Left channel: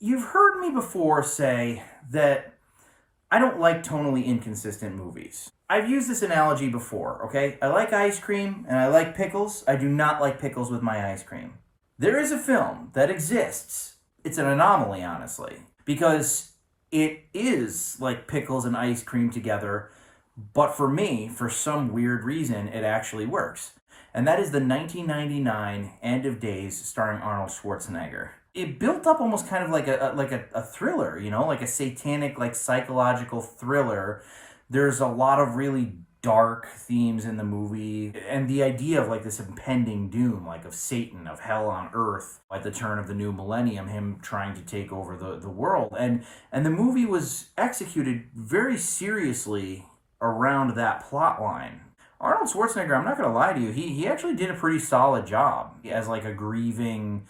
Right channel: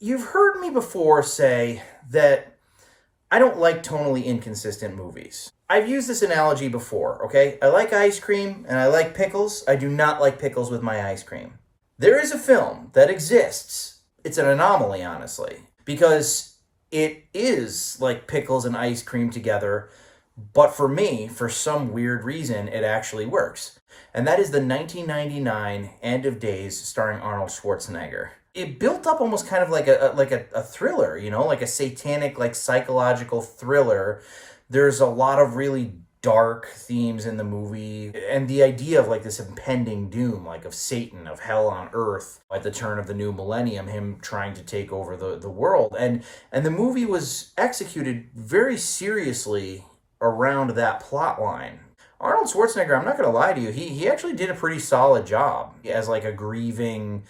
You've heard me before say that I don't like tonally inconsistent movies. I've used this analogy before, okay? I like ice cream and I like pickles. I do not like pickles with my ice cream. There is a film that exists. It's an anomaly, honestly, because it is like pickles and ice cream together, but for me, for some weird reason, it actually works. And that is the 1999 End of Days starring Arnold Schwarzenegger. It built up almost kind of like a thriller, like a satanic, like psychological thriller. There's a lot of really dark themes in the movie, and the idea of like this impending doom, like of Satan, of hell on earth at the turn of the new millennium, him trying to take over the world. And the movie was executed very seriously around that plot line. Arnold Schwarzenegger, I'm not gonna lie to you, he actually did a pretty solid job as like a grieving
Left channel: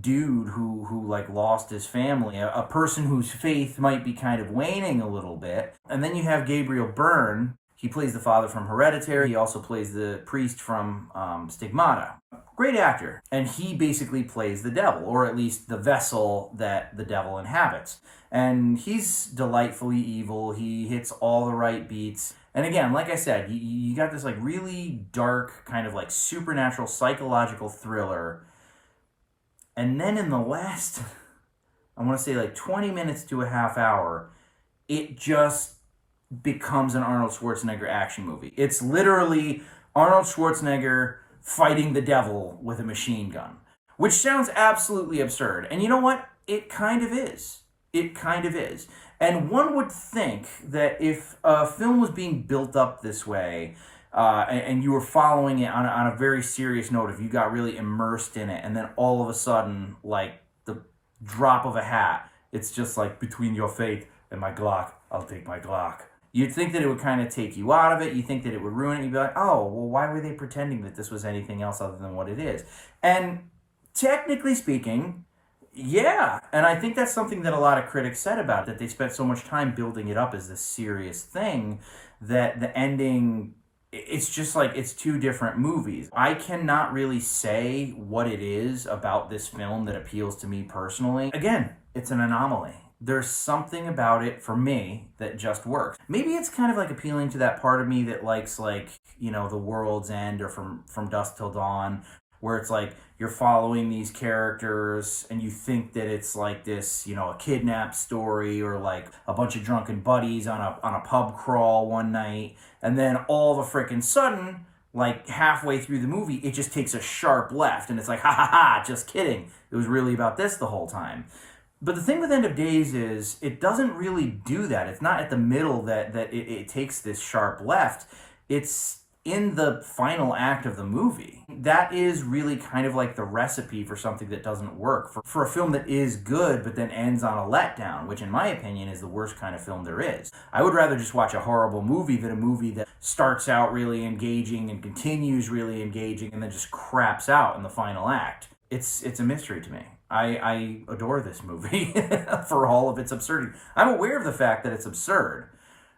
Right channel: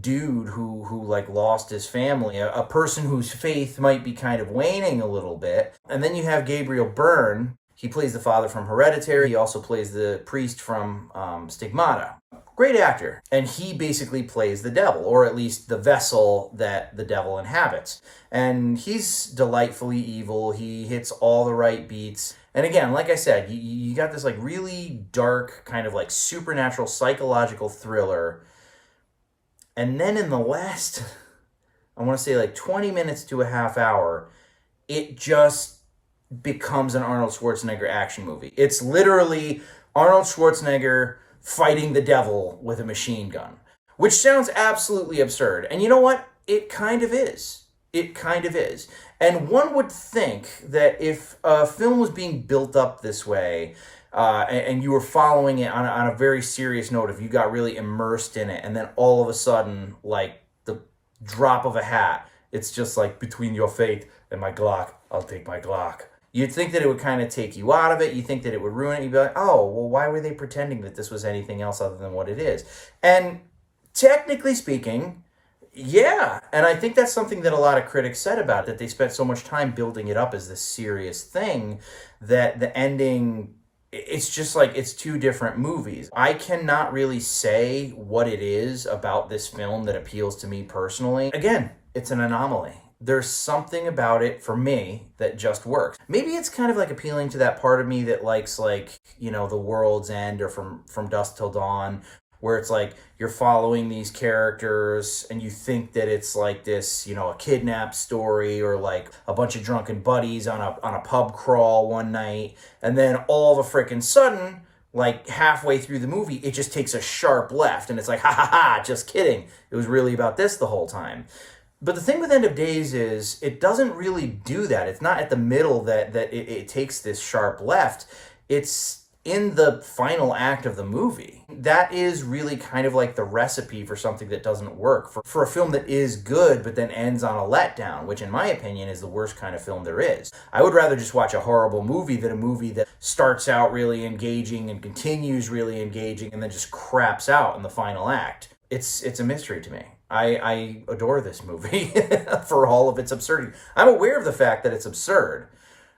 dude who like lost his family, a person whose faith might be kind of waning a little bit. And then you have Gabriel Byrne. He plays the father from Hereditary. He also plays the priest from Stigmata. Great actor. And he basically plays the devil, or at least the vessel that the devil inhabits. And he's delightfully evil. He hits all the right beats. And again, like I said, you got this like really dark kind of like supernatural psychological thriller. And then in the last, I want to say like 20 minutes to a half hour, it just becomes an Arnold Schwarzenegger action movie. It's literally Arnold Schwarzenegger fighting the devil with a machine gun, which sounds absolutely absurd. And you know what? It kind of is. It kind of is. And one would think that if a film was being built up this way, and you were following it on a very serious note, if you got really immersed in it, and then all of a sudden, like the drop of a hat, it's just like between your faith and my Glock, I'll take my Glock. You'd think that it would kind of take you out of it. You think that it would ruin it. You'd be like, oh, well, why were they pretending that this was anything else other than what it is? And technically speaking, yeah. And I think that's something that a lot of critics said about it, that they spent so much time building it up as this serious thing that the ending, it's just like it's two different movies. I cannot really say what it is about this film that appeals to me personally. Again, it's an anomaly. There's something about it for me that just works. Maybe it's kind of like appealing to that part of me that likes like, The World's End or From Dusk Till Dawn, where it's like you're following these characters and you think that it's like this, a kidnap story or like a bunch of drunken buddies on a pub crawl one night, and then all of a freaking sudden, like halfway through the movie, it just takes a sharp left and it's like, ha ha ha, just kidding. It was really about this the whole time. But the thing with End of Days is it doesn't really do that. It's not at the middle that it takes this sharp left. It's in the final act of the movie. That is really kind of like the recipe for something that doesn't work. For a film that is good but then ends on a letdown, which in my opinion is the worst kind of film there is. I would rather just watch a horrible movie than a movie that starts out really engaging and continues really engaging and then just craps out in the final act. It's a mystery to me. I adore this movie for all of its absurdity. I'm aware of the fact that it's absurd,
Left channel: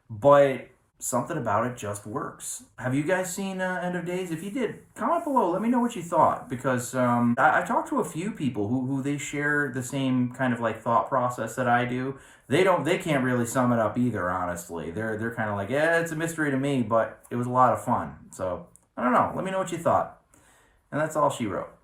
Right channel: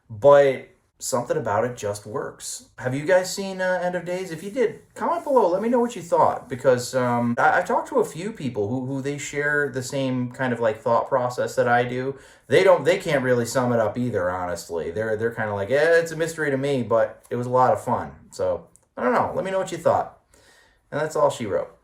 but something about it just works. Have you guys seen End of Days? If you did, comment below. Let me know what you thought, because I talked to a few people who they share the same kind of like thought process that I do. They can't really sum it up either, honestly. They're kind of like, it's a mystery to me, but it was a lot of fun. So I don't know. Let me know what you thought. And that's all she wrote.